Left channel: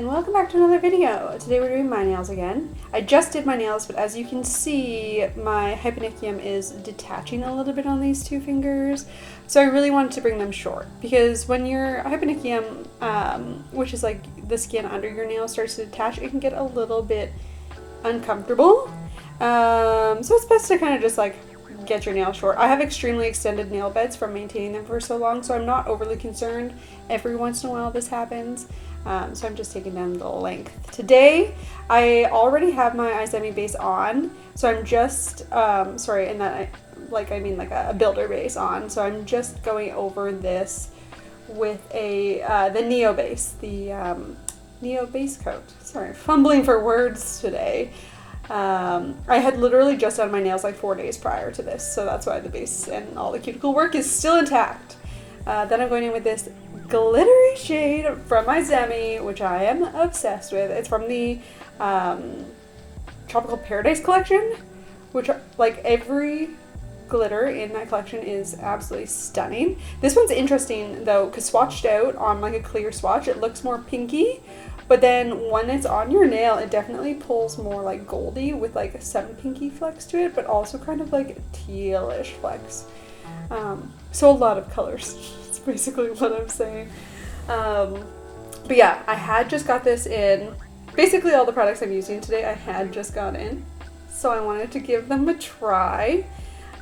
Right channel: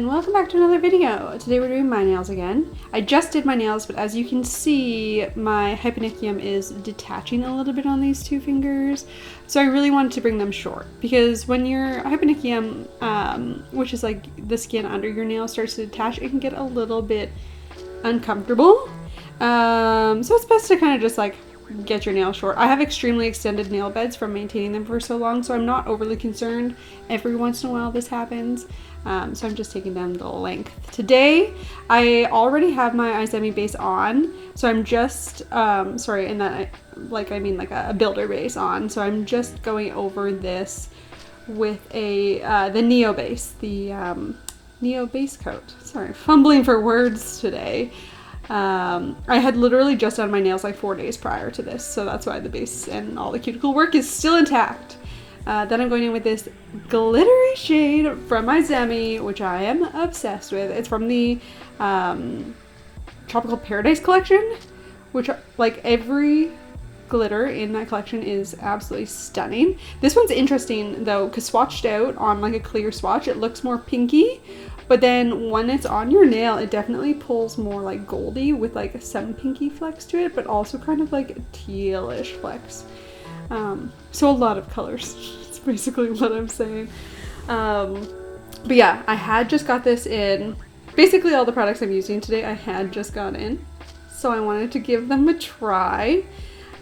and welcome back to another video. Today we're doing my nails again. I just did my nails, but as you can see, my hyponychium is detaching a little bit on these two fingers. So I really wanted to bring them short because when your hyponychium, which is like the skin under your nail, starts to detach, it can get a little bit uncomfortable. So it's best to kind of just like get your nails short. I have extremely extended nail beds from maintaining them for so long, so I'm not overly concerned. Every once in a while this happens. So I'm just taking down the length. Today, I already have my Izemi base on, so I'm just, sorry, and that, I mean like a builder base on, so I'm just going over this with the Neo base, the Neo base coat. Sorry, fumbling for words today. I had literally just done my nails like 4 days prior to this, so that's why the base and all the cuticle work is still intact. Then I'm going in with this glittery shade from Izemi, which I am obsessed with. It's from the Tropical Paradise collection, which like every glitter in that collection is absolutely stunning. This one's interesting though, because swatched out on like a clear swatch, it looks more pinky, but then when it's on your nail, it definitely pulls more like goldy with like some pinky flecks to it, but also kind of like tealish flecks. So a lot of colors. That's basically what I'm saying. But yeah, I had just got this in. Basically all the products I'm using today I had just got in, so I wanted to give them a try.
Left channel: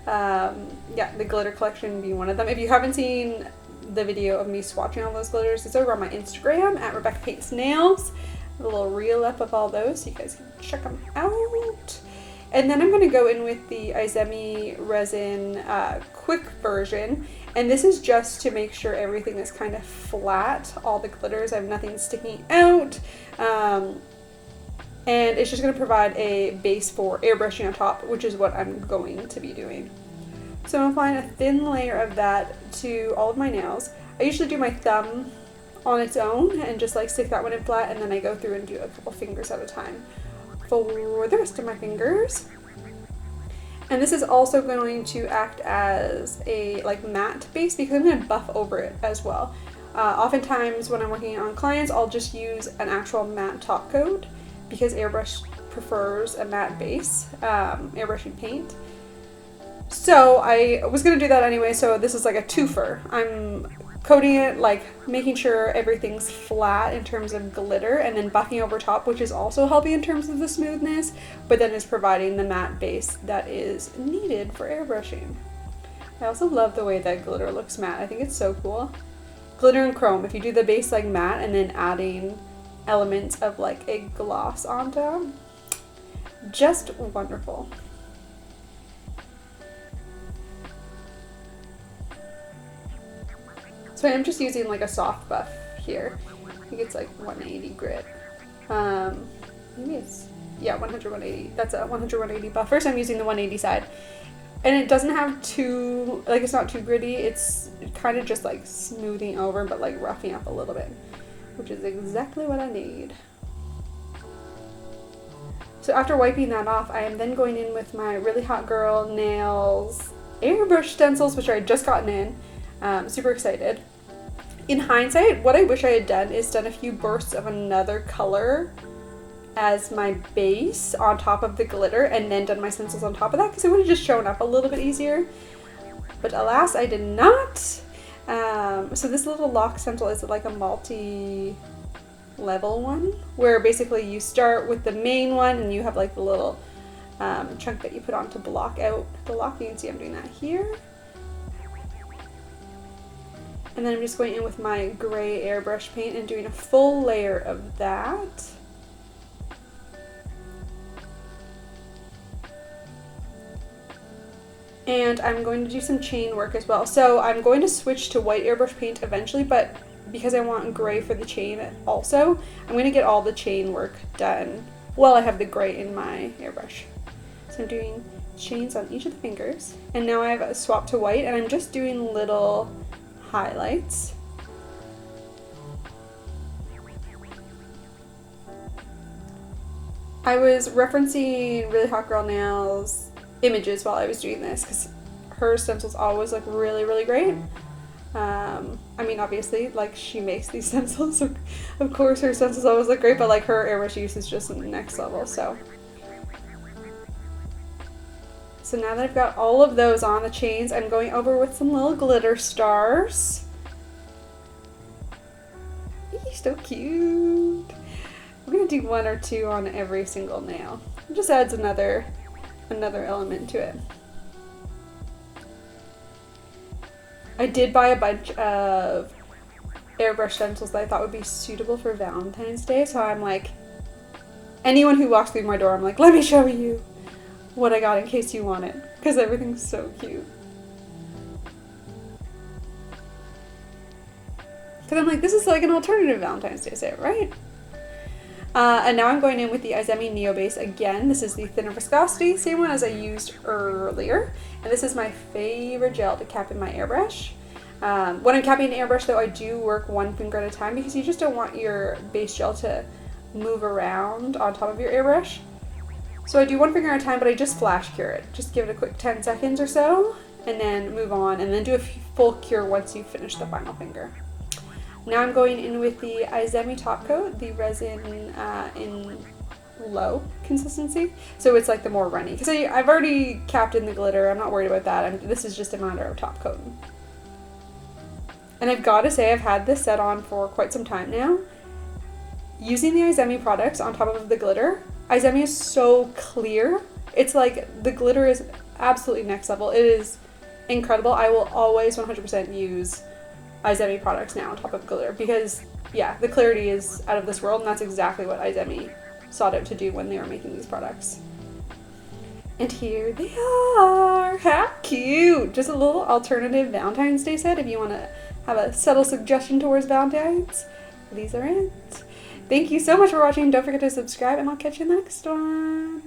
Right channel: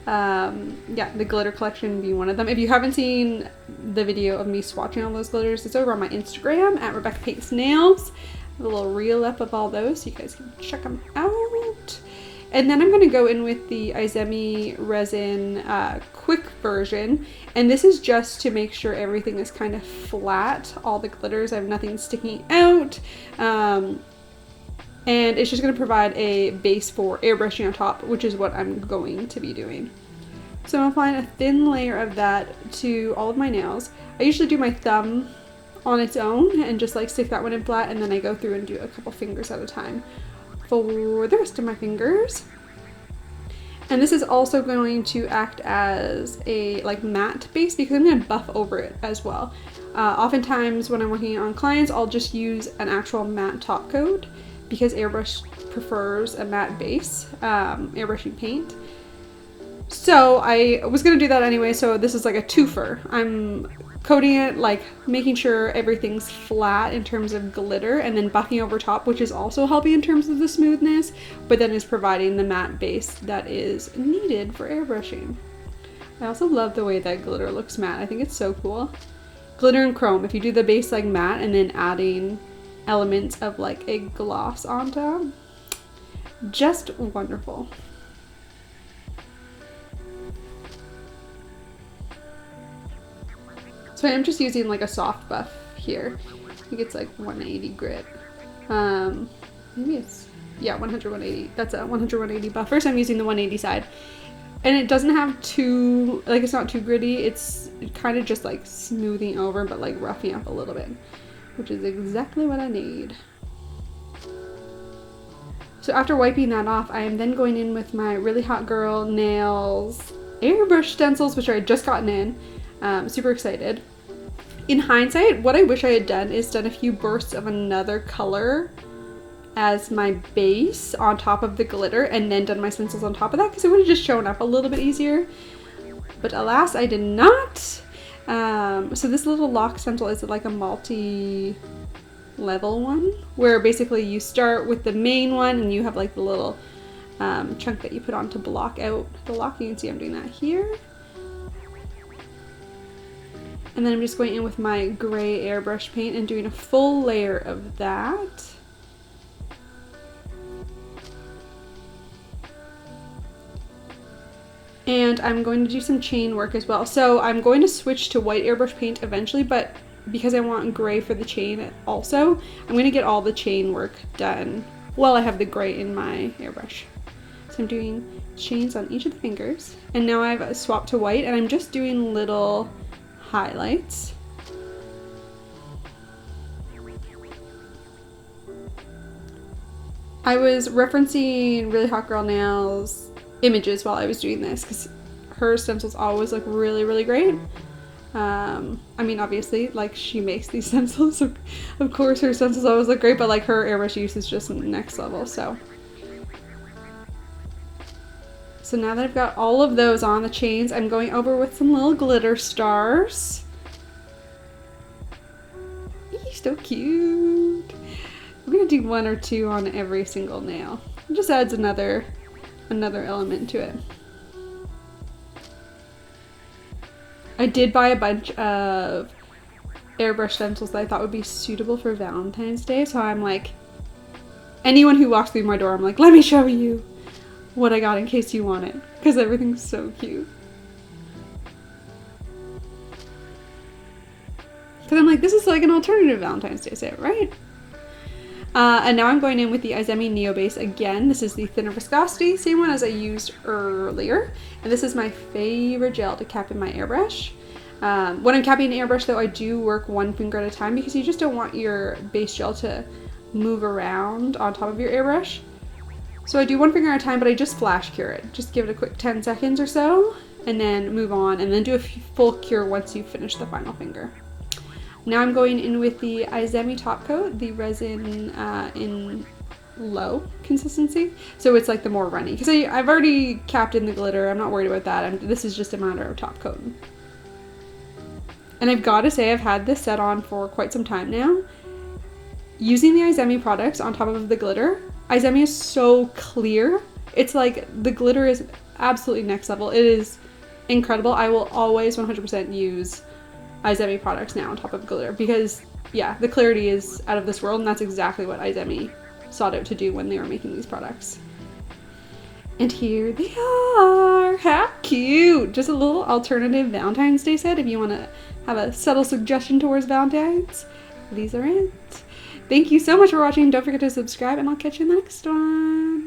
Yeah, the glitter collection being one of them. If you haven't seen the video of me swatching all those glitters, it's over on my Instagram at Rebecca Paints Nails. A little reel up of all those, so you guys can check them out. And then I'm going to go in with the Izemi resin quick version, and this is just to make sure everything is kind of flat, all the glitters, I have nothing sticking out. And it's just going to provide a base for airbrushing on top, which is what I'm going to be doing. So I'm applying a thin layer of that to all of my nails. I usually do my thumb on its own and just like stick that one in flat, and then I go through and do a couple fingers at a time for the rest of my fingers. And this is also going to act as a like matte base because I'm going to buff over it as well. Oftentimes when I'm working on clients, I'll just use an actual matte top coat because Airbrush prefers a matte base, airbrushing paint. So I was going to do that anyway, so this is like a twofer. I'm coating it, like making sure everything's flat in terms of glitter, and then buffing over top, which is also helping in terms of the smoothness, but then is providing the matte base that is needed for airbrushing. I also love the way that glitter looks matte. I think it's so cool. Glitter and chrome, if you do the base like matte and then adding elements of like a gloss on top, just wonderful. So I'm just using like a soft buff here. I think it's like 180 grit. Maybe it's, yeah, 100, 180. That's a 100, 180 buff. First I'm using the 180 side. And it doesn't have too, like it's not too gritty. It's kind of just like smoothing over, but like roughing up a little bit, which is exactly what I need. So after wiping that off, I am then going in with my Really Hot Girl Nails Airbrush Stencils, which I had just gotten in. Super excited. In hindsight, what I wish I had done is done a few bursts of another color as my base on top of the glitter and then done my stencils on top of that, because it would have just shown up a little bit easier. But alas, I did not. So this little lock stencil is like a multi-level one, where basically you start with the main one and you have like the little chunk that you put on to block out the lock. You can see I'm doing that here. And then I'm just going in with my gray airbrush paint and doing a full layer of that. And I'm going to do some chain work as well. So I'm going to switch to white airbrush paint eventually, but because I want gray for the chain also, I'm going to get all the chain work done while I have the gray in my airbrush. So I'm doing chains on each of the fingers. And now I've swapped to white and I'm just doing little highlights. I was referencing Really Hot Girl Nails images while I was doing this because her stencils always look really, really great. I mean, obviously, like, she makes these stencils, so of course her stencils always look great, but like her airbrush use is just next level. So now that I've got all of those on the chains, I'm going over with some little glitter stars. Eee, so cute. I'm gonna do 1 or 2 on every single nail. It just adds another element to it. I did buy a bunch of airbrush stencils that I thought would be suitable for Valentine's Day, so I'm like, anyone who walks through my door, I'm like, let me show you what I got in case you want it, because everything's so cute. Because I'm like, this is like an alternative Valentine's Day set, right? And now I'm going in with the Izemi Neo Base again. This is the thinner viscosity, same one as I used earlier. And this is my favorite gel to cap in my airbrush. When I'm capping an airbrush though, I do work 1 finger at a time because you just don't want your base gel to move around on top of your airbrush. So I do 1 finger at a time, but I just flash cure it. Just give it a quick 10 seconds or so, and then move on, and then do a full cure once you finish the final finger. Now I'm going in with the Izemi top coat, the resin in low consistency. So it's like the more runny, because I've already capped in the glitter. I'm not worried about that. This is just a matter of top coating. And I've got to say, I've had this set on for quite some time now. Using the Izemi products on top of the glitter, Izemi is so clear. It's like the glitter is absolutely next level. It is incredible. I will always 100% use Izemi products now on top of glitter because, yeah, the clarity is out of this world, and that's exactly what Izemi sought out to do when they were making these products. And here they are! How cute! Just a little alternative Valentine's Day set if you want to have a subtle suggestion towards Valentine's. These are it. Thank you so much for watching. Don't forget to subscribe, and I'll catch you next one.